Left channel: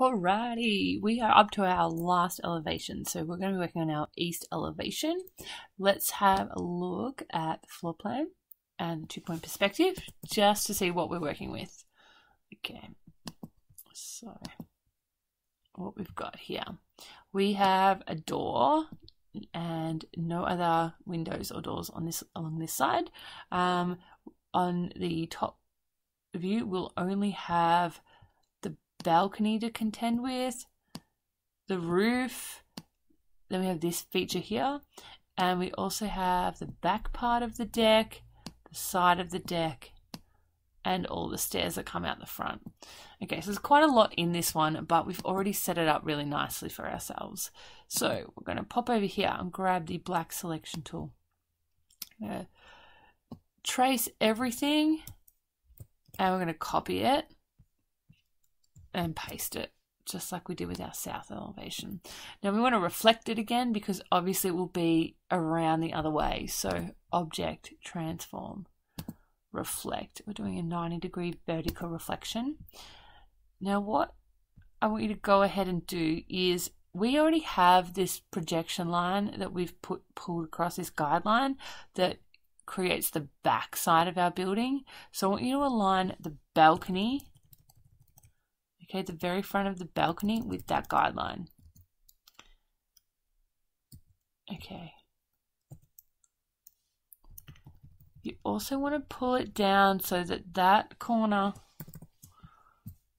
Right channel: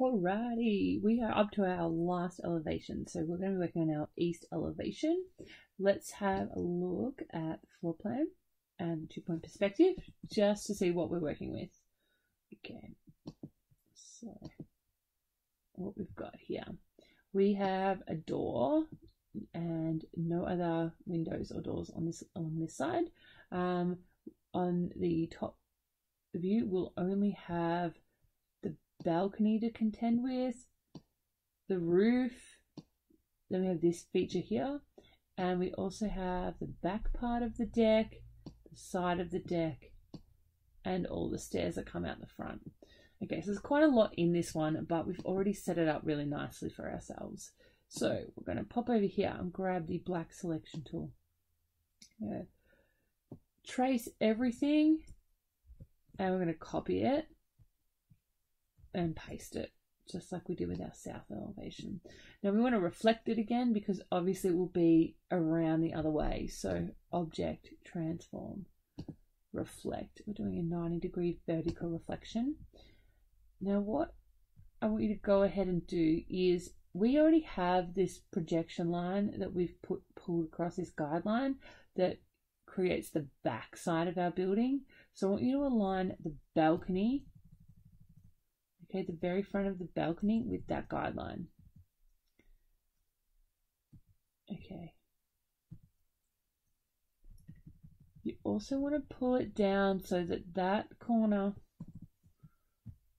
Alrighty, we are up to our last elevation. So we're going to be working on our east elevation. Let's have a look at the floor plan and 2-point perspective just to see what we're working with. Okay, so what we've got here, we have a door and no other windows or doors on this along this side. On the top view, we'll only have the balcony to contend with, the roof, then we have this feature here, and we also have the back part of the deck, the side of the deck, and all the stairs that come out the front. Okay, so there's quite a lot in this one, but we've already set it up really nicely for ourselves. So we're going to pop over here and grab the black selection tool. I'm going to trace everything, and we're going to copy it and paste it just like we did with our south elevation. Now we want to reflect it again because obviously it will be around the other way. So object, transform, reflect. We're doing a 90-degree vertical reflection. Now what I want you to go ahead and do is, we already have this projection line that we've pulled across this guideline that creates the back side of our building. So I want you to align the balcony, okay, the very front of the balcony with that guideline. Okay. You also want to pull it down so that that corner,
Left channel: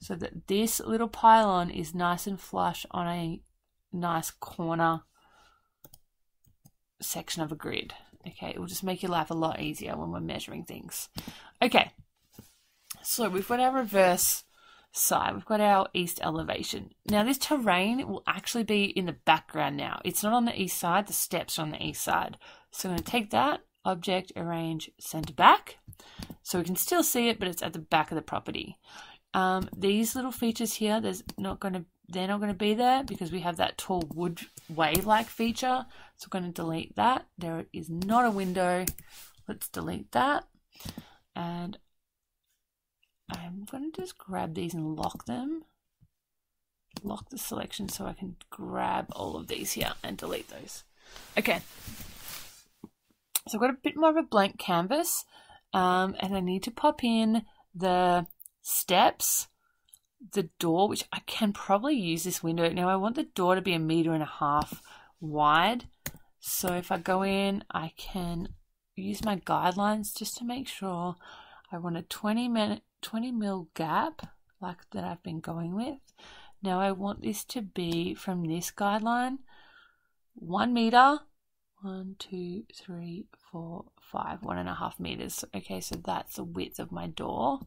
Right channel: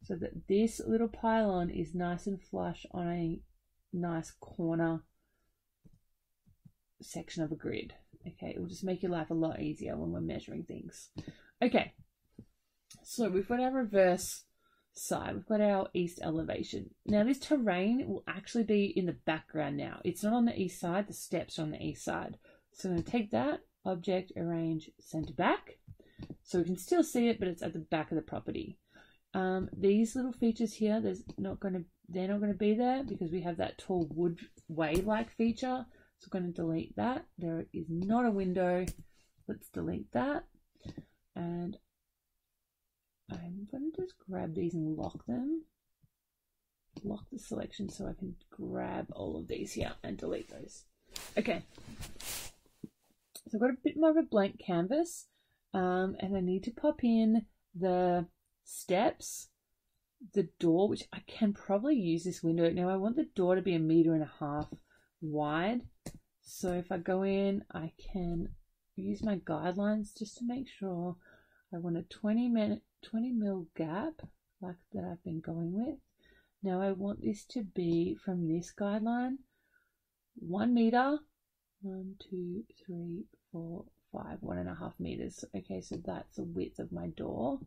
so that this little pylon is nice and flush on a nice corner section of a grid. Okay, it will just make your life a lot easier when we're measuring things. Okay, so we've got our reverse side, we've got our east elevation. Now this terrain will actually be in the background now. It's not on the east side, the steps are on the east side. So I'm going to take that, object, arrange, center back. So we can still see it, but it's at the back of the property. These little features here, they're not going to be there because we have that tall wood wave-like feature. So we're going to delete that. There is not a window. Let's delete that. And I'm going to just grab these and lock them. Lock the selection so I can grab all of these here and delete those. Okay. So I've got a bit more of a blank canvas, and I need to pop in the steps, the door, which I can probably use this window. Now I want the door to be 1.5 meters wide. So if I go in, I can use my guidelines just to make sure. I want a 20 mil gap like that I've been going with. Now I want this to be from this guideline 1 meter, 1, 2, 3, 4, 5, 1.5 meters. Okay, so that's the width of my door.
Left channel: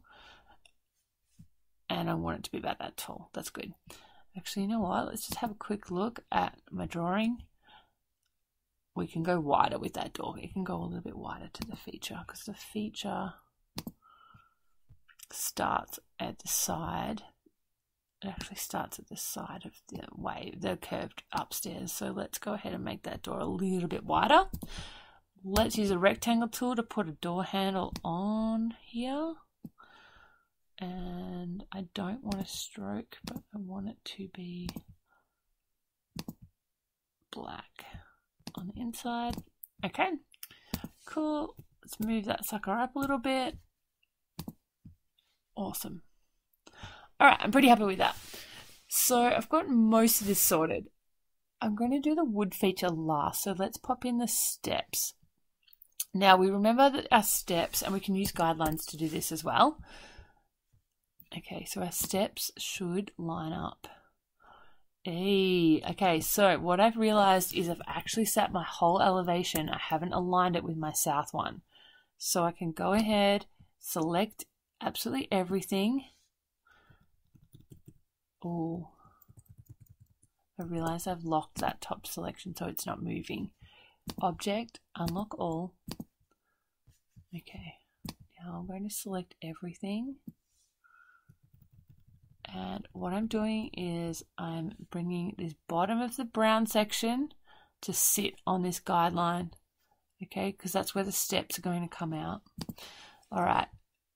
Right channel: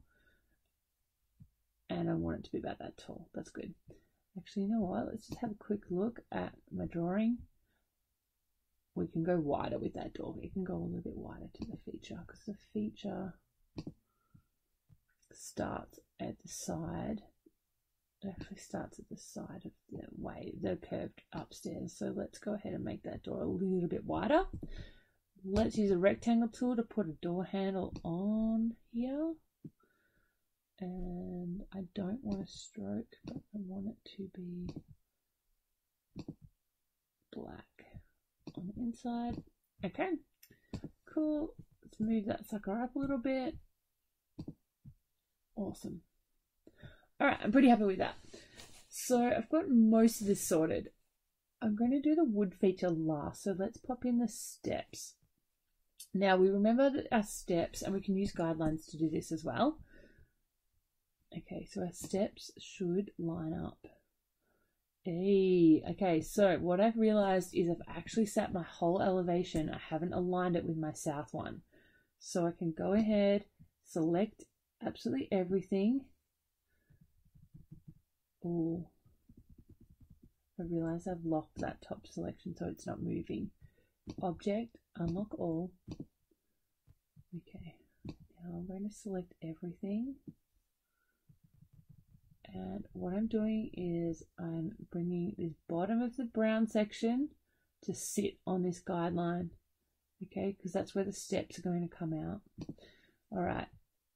And I want it to be about that tall. That's good. Actually, you know what? Let's just have a quick look at my drawing. We can go wider with that door. It can go a little bit wider to the feature because the feature starts at the side. It actually starts at the side of the wave, the curved upstairs. So let's go ahead and make that door a little bit wider. Let's use a rectangle tool to put a door handle on here. And I don't want a stroke, but I want it to be black on the inside. Okay, cool. Let's move that sucker up a little bit. Awesome. All right, I'm pretty happy with that. So I've got most of this sorted. I'm going to do the wood feature last. So let's pop in the steps. Now we remember that our steps, and we can use guidelines to do this as well. Okay, so our steps should line up. Okay, so what I've realized is I've actually set my whole elevation. I haven't aligned it with my south one. So I can go ahead, select absolutely everything. Oh, I realize I've locked that top selection so it's not moving. Object, unlock all. Okay, now I'm going to select everything. And what I'm doing is I'm bringing this bottom of the brown section to sit on this guideline, okay, because that's where the steps are going to come out. All right,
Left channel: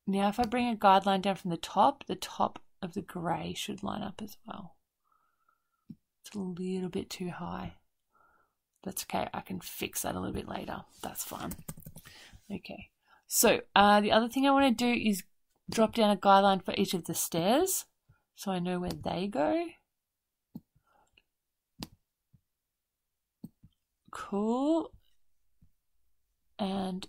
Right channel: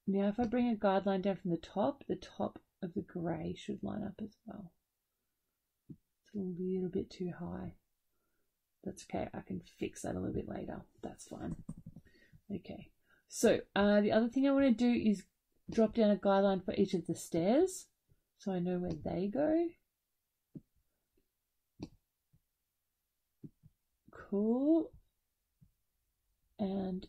now if I bring a guideline down from the top of the grey should line up as well. It's a little bit too high. That's okay, I can fix that a little bit later. That's fine. Okay, so the other thing I want to do is drop down a guideline for each of the stairs so I know where they go. Cool. And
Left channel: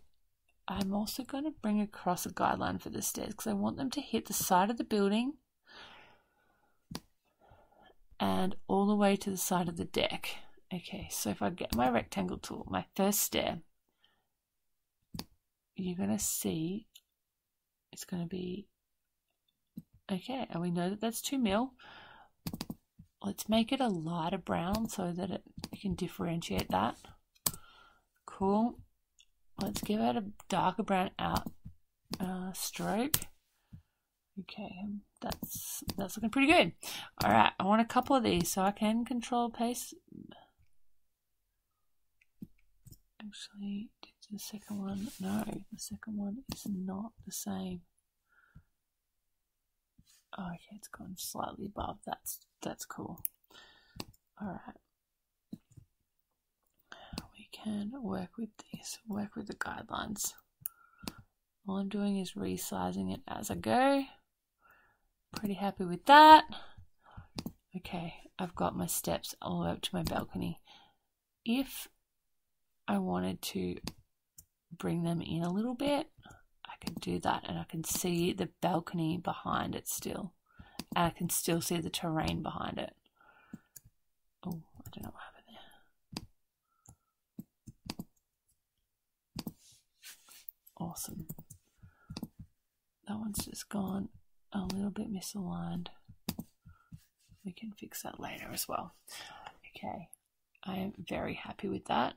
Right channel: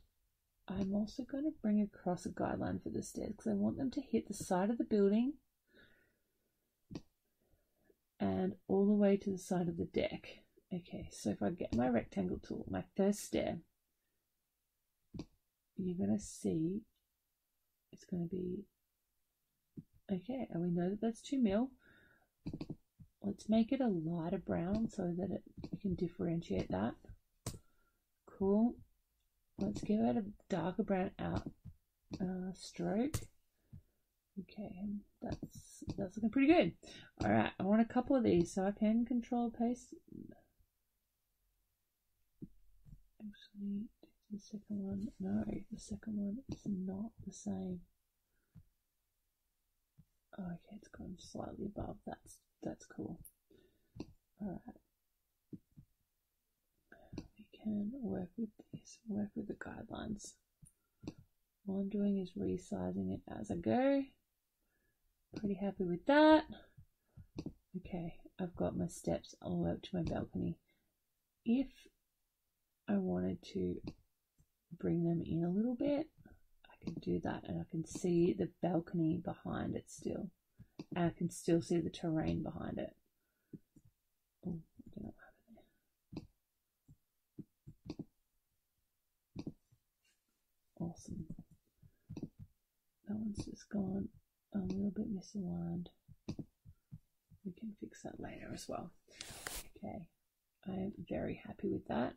I'm also going to bring across a guideline for the stairs because I want them to hit the side of the building and all the way to the side of the deck. Okay, so if I get my rectangle tool, my first stair, you're going to see it's going to be, okay, and we know that that's 2 mil. Let's make it a lighter brown so that you can differentiate that. Cool. Let's give it a darker brown out stroke. Okay, that's looking pretty good. All right, I want a couple of these so I can control pace. Actually, the second one, no, the second one is not the same. Oh, okay, it's gone slightly above. That's cool. All right, we can work with this. Work with the guidelines. All I'm doing is resizing it as I go. Pretty happy with that. Okay, I've got my steps all the way up to my balcony. If I wanted to bring them in a little bit, I can do that, and I can see the balcony behind it still. And I can still see the terrain behind it. Oh, I don't know what happened there. Awesome. That one's just gone a little bit misaligned. We can fix that later as well. Okay, I am very happy with that.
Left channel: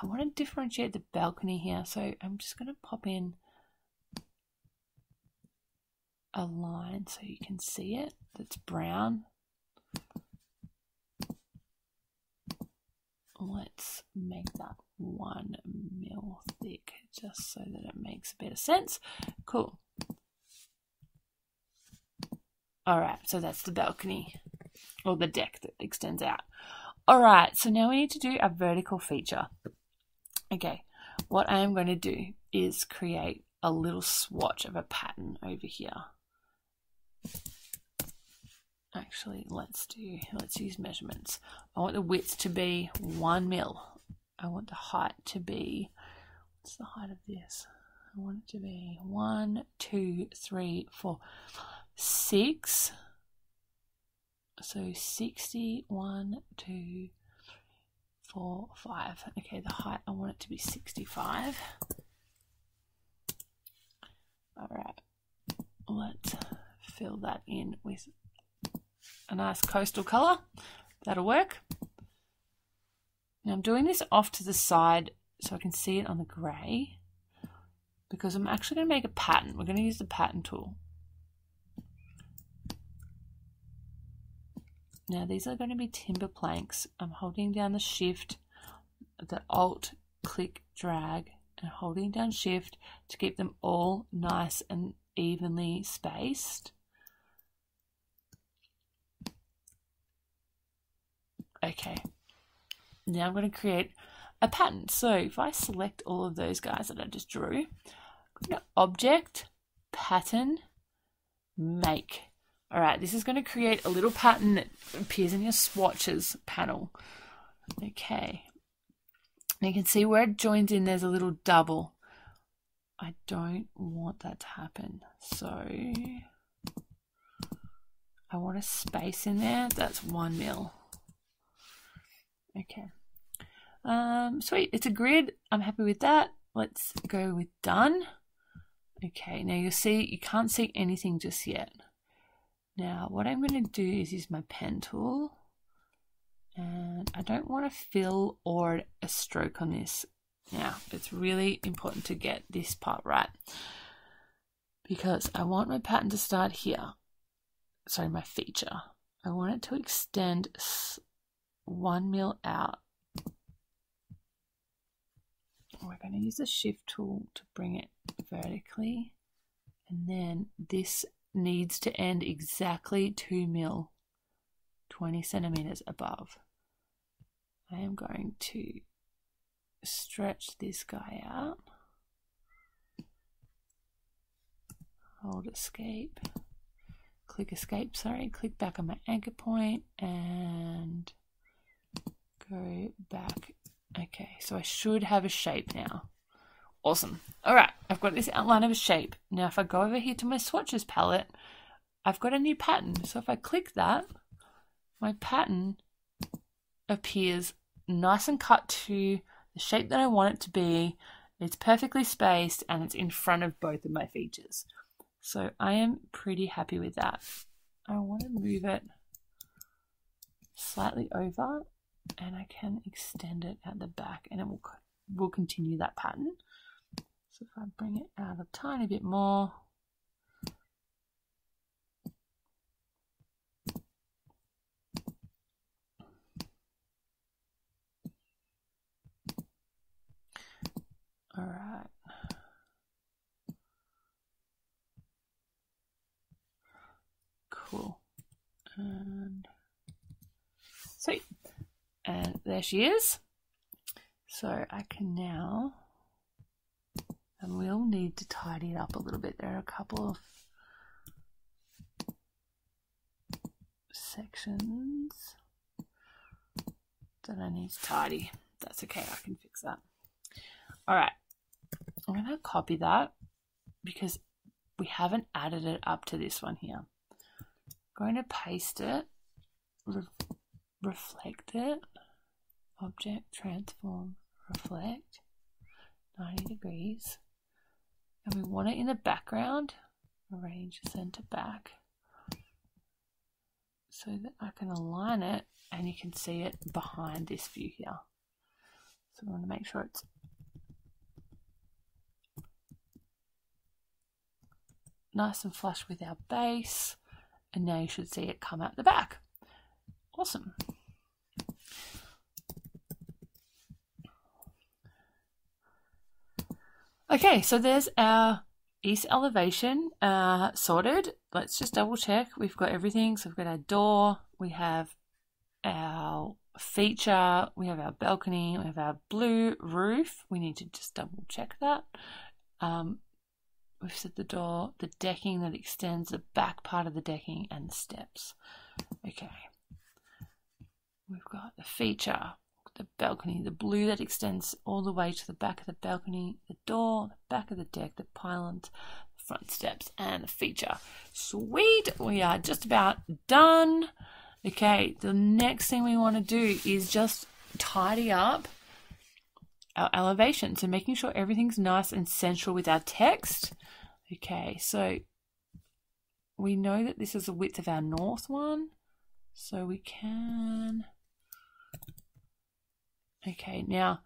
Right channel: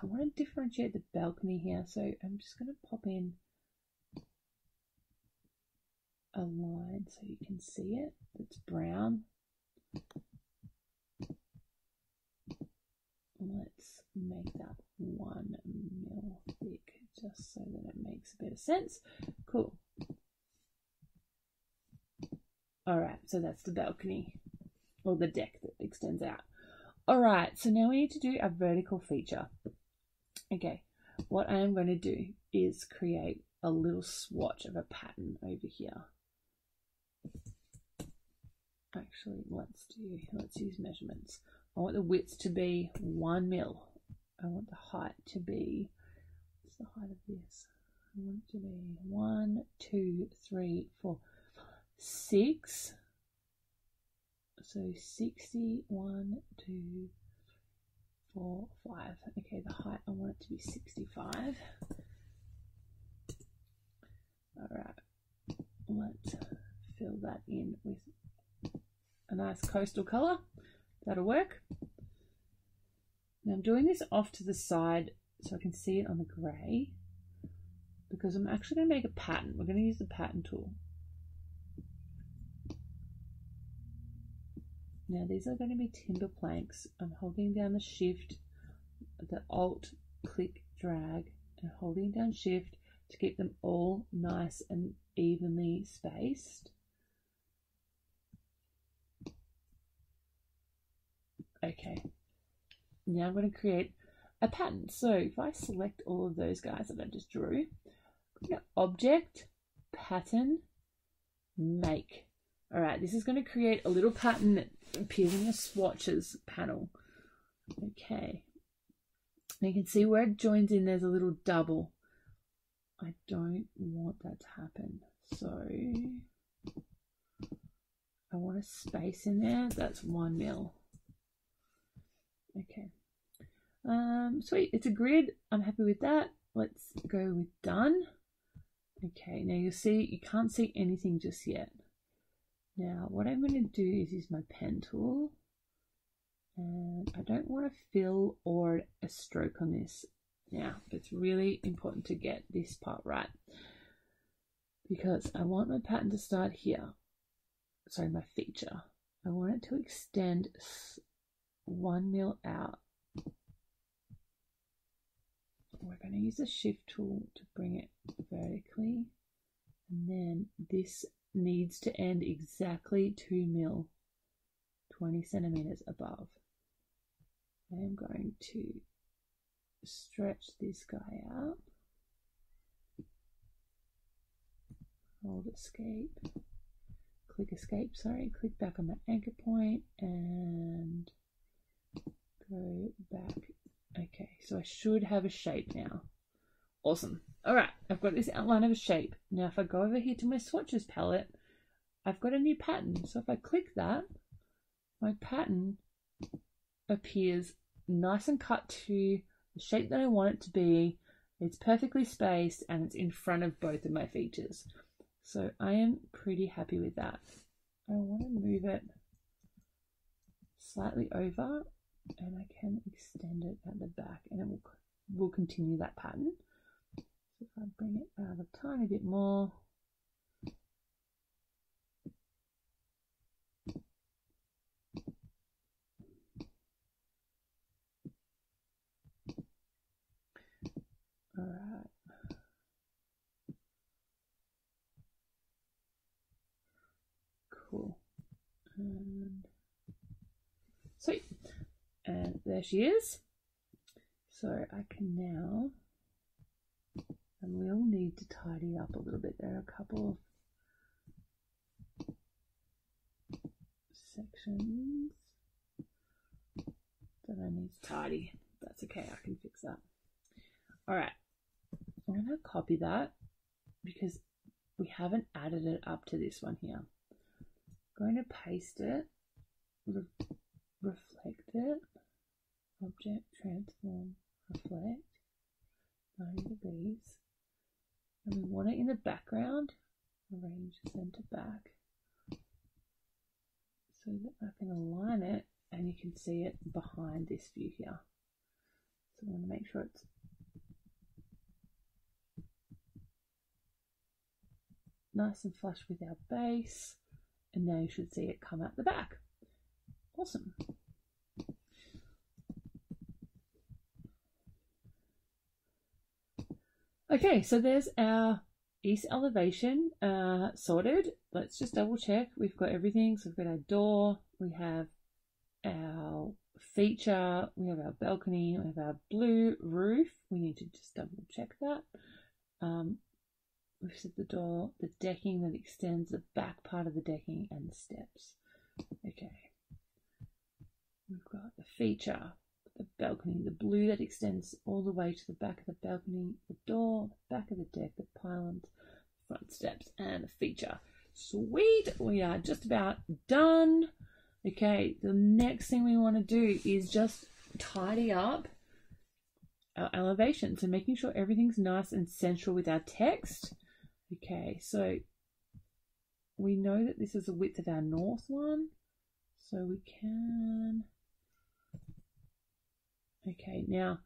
I want to differentiate the balcony here, so I'm just going to pop in a line so you can see it that's brown. Let's make that 1 mil thick just so that it makes a bit of sense. Cool. All right, so that's the balcony or the deck that extends out. All right, so now we need to do a vertical feature. Okay, what I am going to do is create a little swatch of a pattern over here. Actually, let's use measurements. I want the width to be 1 mil. I want the height to be, what's the height of this? I want it to be 1, 2, 3, 4, 6. So 60, 1, 2, 4, 5. Okay, the height, I want it to be 65. All right, let's fill that in with a nice coastal color. That'll work. Now I'm doing this off to the side so I can see it on the grey because I'm actually going to make a pattern. We're going to use the pattern tool. Now these are going to be timber planks. I'm holding down the shift, the alt, click, drag, and holding down shift to keep them all nice and evenly spaced. Okay, now I'm going to create a pattern. So if I select all of those guys that I just drew, I'm going to object, pattern, make. All right, this is going to create a little pattern that appears in your swatches panel. Okay, and you can see where it joins in, there's a little double. I don't want that to happen. So I want a space in there. That's 1 mil. Okay. Sweet. It's a grid. I'm happy with that. Let's go with done. Okay. Now you'll see, you can't see anything just yet. Now what I'm going to do is use my pen tool. And I don't want to fill or a stroke on this. Now, it's really important to get this part right because I want my pattern to start here. Sorry, my feature. I want it to extend 1 mil out. We're going to use the shift tool to bring it vertically. And then this needs to end exactly 2 mil 20 centimeters above. I am going to stretch this guy out. Hold escape. Click escape, sorry. Click back on my anchor point and go back. Okay, so I should have a shape now. Awesome. All right, I've got this outline of a shape. Now if I go over here to my swatches palette, I've got a new pattern. So if I click that, my pattern appears nice and cut to the shape that I want it to be. It's perfectly spaced and it's in front of both of my features. So I am pretty happy with that. I want to move it slightly over and I can extend it at the back and it will continue that pattern. So if I bring it out a tiny bit more, all right. Cool. And sweet. And there she is. So I can now, and we'll need to tidy it up a little bit. There are a couple of sections that I need to tidy. That's okay, I can fix that. All right, I'm going to copy that because we haven't added it up to this one here. I'm going to paste it, reflect it, object, transform, reflect, 90 degrees. And we want it in the background, arrange center back, so that I can align it and you can see it behind this view here. So we want to make sure it's nice and flush with our base. And now you should see it come out the back. Awesome. Okay, so there's our east elevation sorted. Let's just double check. We've got everything. So we've got our door, we have our feature, we have our balcony, we have our blue roof. We need to just double check that. We've set the door, the decking that extends the back part of the decking, and the steps. Okay. We've got the feature, the balcony, the blue that extends all the way to the back of the balcony, the door, the back of the deck, the pylons, the front steps, and the feature. Sweet! We are just about done. Okay, the next thing we want to do is just tidy up our elevation. So making sure everything's nice and central with our text. Okay, so we know that this is the width of our north one, so we can, okay, now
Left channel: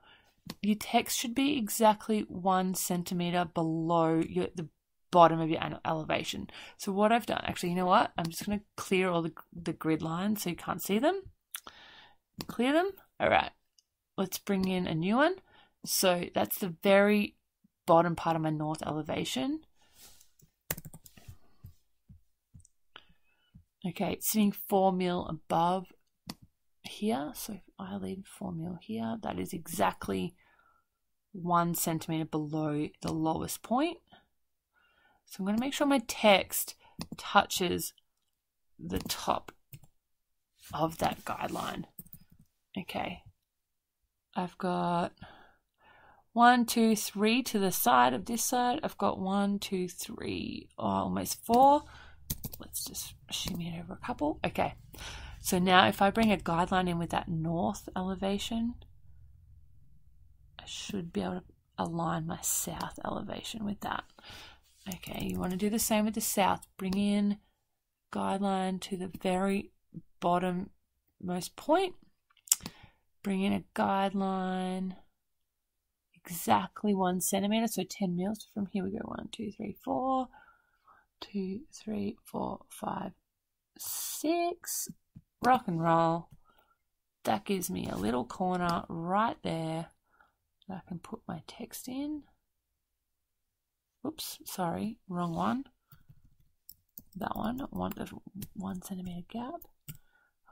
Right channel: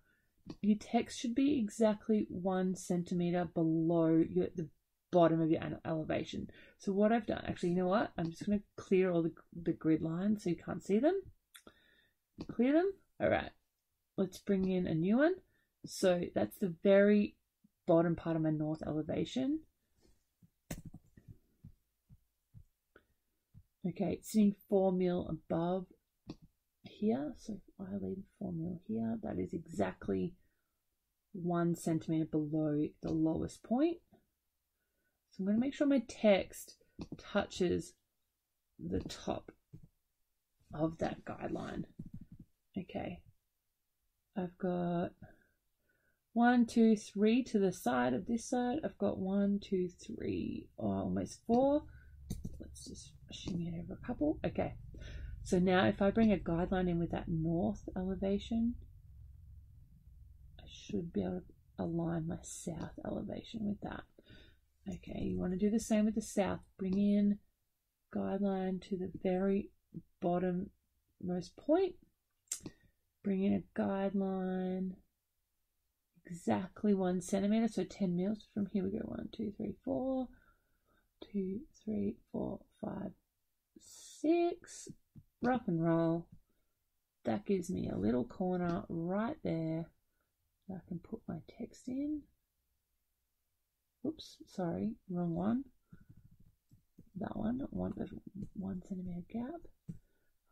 your text should be exactly 1 centimeter below the bottom of your elevation. So what I've done, actually, you know what? I'm just going to clear all the grid lines so you can't see them. Clear them. All right, let's bring in a new one. So that's the very bottom part of my north elevation. Okay, it's sitting 4 mil above here. So if I leave 4 mil here, that is exactly 1 centimeter below the lowest point. So I'm going to make sure my text touches the top of that guideline. Okay, I've got 1, 2, 3 to the side of this side. I've got 1, 2, 3, almost 4. Let's just shimmy it over a couple. Okay, so now if I bring a guideline in with that north elevation, I should be able to align my south elevation with that. Okay, you want to do the same with the south. Bring in guideline to the very bottom-most point. Bring in a guideline exactly 1 centimeter, so 10 mils. From here we go 1, 2, 3, 4. 2, 3, 4, 5, 6. Rock and roll. That gives me a little corner right there that I can put my text in. Oops, sorry, wrong one. That one. I want the 1 centimeter gap.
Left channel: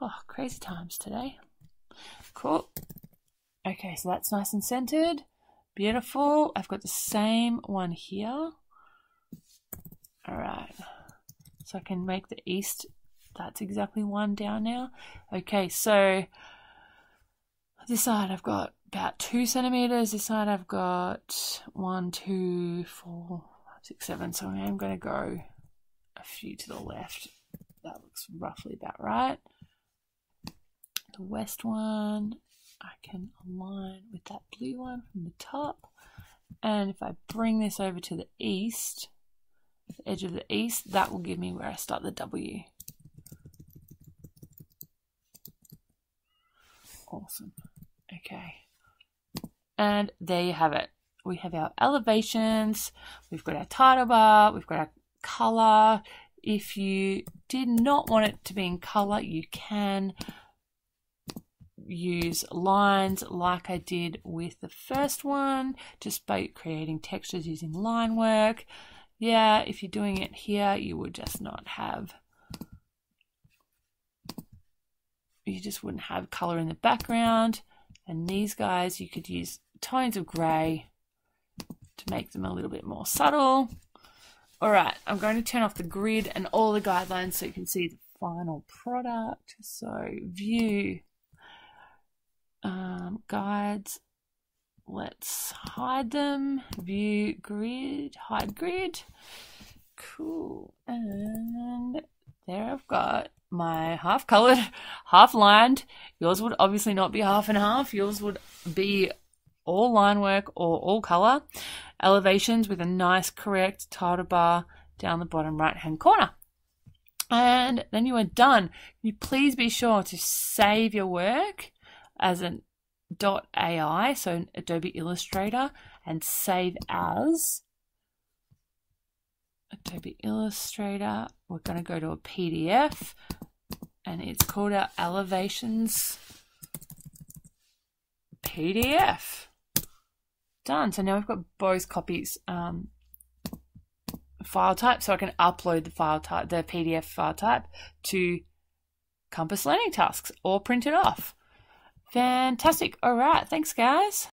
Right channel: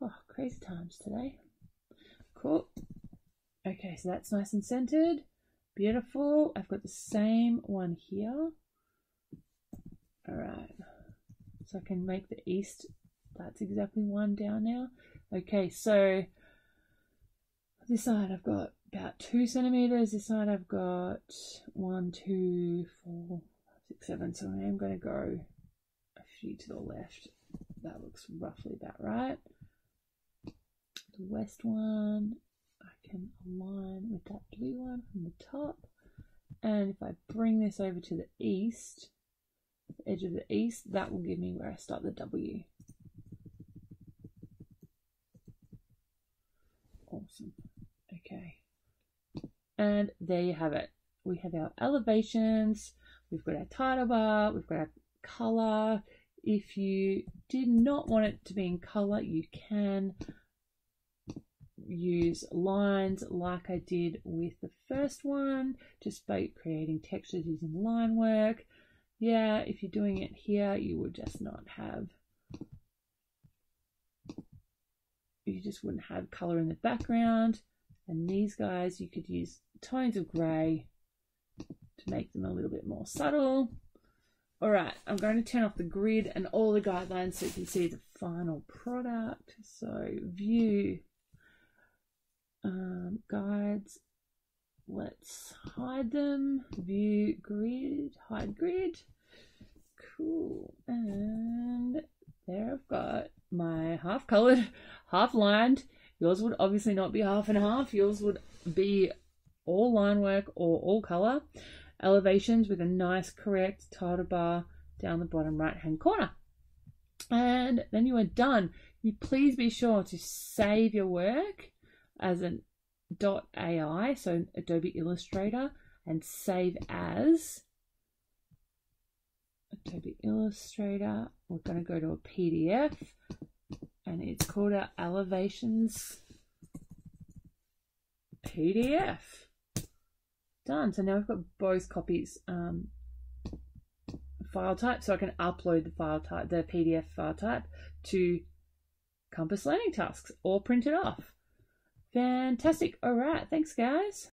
Oh, crazy times today. Cool. Okay, so that's nice and centered. Beautiful. I've got the same one here. All right. So I can make the east. That's exactly one down now. Okay, so this side I've got about 2 centimeters. This side I've got 1, 2, 4, 5, 6, 7. So I'm going to go a few to the left. That looks roughly about right. The west one I can align with that blue one from the top. And if I bring this over to the east, the edge of the east, that will give me where I start the W. Awesome. Okay. And there you have it. We have our elevations, we've got our title bar, we've got our color. If you did not want it to be in color, you can use lines like I did with the first one, just by creating textures using line work. Yeah, if you're doing it here, you would just not have, you just wouldn't have color in the background. And these guys, you could use tones of gray to make them a little bit more subtle. All right, I'm going to turn off the grid and all the guidelines so you can see the final product. So view, guides, let's hide them. View grid, hide grid. Cool. And there I've got my half colored, half lined. Yours would obviously not be half and half. Yours would be all line work or all color. Elevations with a nice correct title bar down the bottom right hand corner. And then you are done. You please be sure to save your work as an .ai, so Adobe Illustrator, and save as Adobe Illustrator. We're going to go to a PDF and it's called our Elevations PDF. Done. So now we've got both copies file type, so I can upload the file type, the PDF file type, to Compass Learning Tasks or print it off. Fantastic. All right. Thanks, guys.